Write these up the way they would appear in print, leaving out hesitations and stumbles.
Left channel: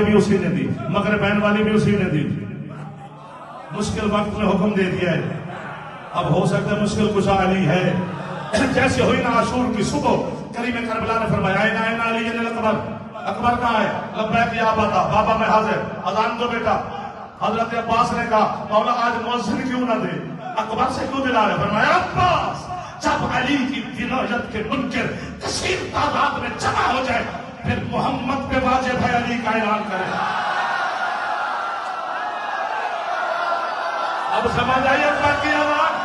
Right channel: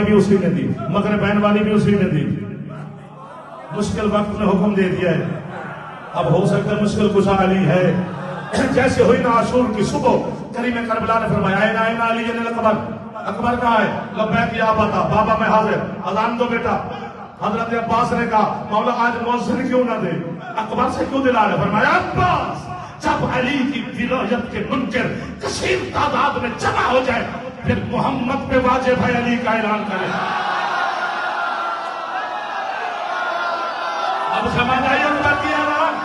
بھی اسی نے دی، مغربین والی بھی اسی نے دی. مشکل وقت میں حکم دے دیا ہے. اب ہو سکتا ہے مشکل کشا علی ہے. جیسے ہوئی نا عاشور کی صبح، کریم کربلا نے فرمایا این علی اکبر، اکبر کہاں ہے؟ لبیک یا ابا، بابا میں حاضر، اذان دو بیٹا. حضرت عباس نے کہا مولا آج مؤذن کیوں نہ دے، اکبر سے کیوں دلا لے؟ فرمایا عباس جب علی کی ولایت کے منکر کثیر تعداد میں جمع ہو جائے پھر محمد پہ واجب ہے علی کا اعلان کرے. اب سمجھ آئی بات کی آواز؟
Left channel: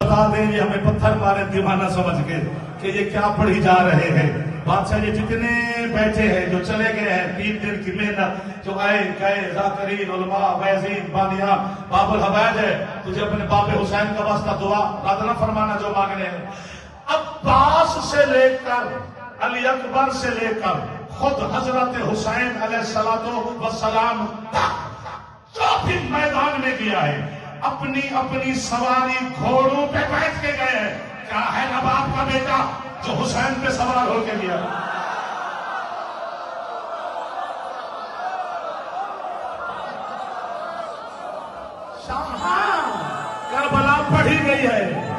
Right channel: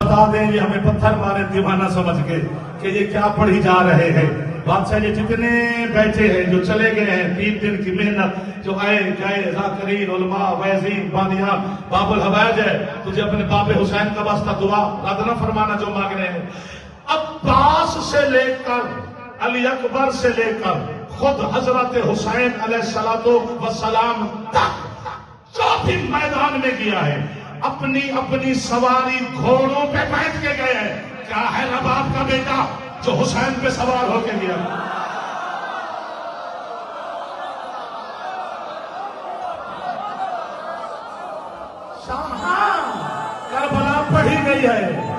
بتا دیں یہ ہمیں پتھر مارے دیوانہ سمجھ کے کہ یہ کیا پڑھی جا رہے ہیں. بادشاہ یہ جتنے بیٹھے ہیں جو چلے گئے ہیں 3 دن کی محنت، جو آئے گئے ذاکرین علماء وعظین بانیان، باب الحوائج ہے، تجھے اپنے باپ حسین کا واسطہ دعا رد نہ فرمانا جو مانگ رہے ہیں. عباس سے لے کر علی اکبر سے لے کر خود حضرت حسین علیہ السلام تک جو بھی میدان میں گیا ہے اپنی اپنی سواری گھوڑوں پہ بیٹھ کے گئے ہیں. کیا ہے نواب کا بیٹا جو حسین پہ سوار ہو کے گیا؟ کربلا پڑھی گئی ہے.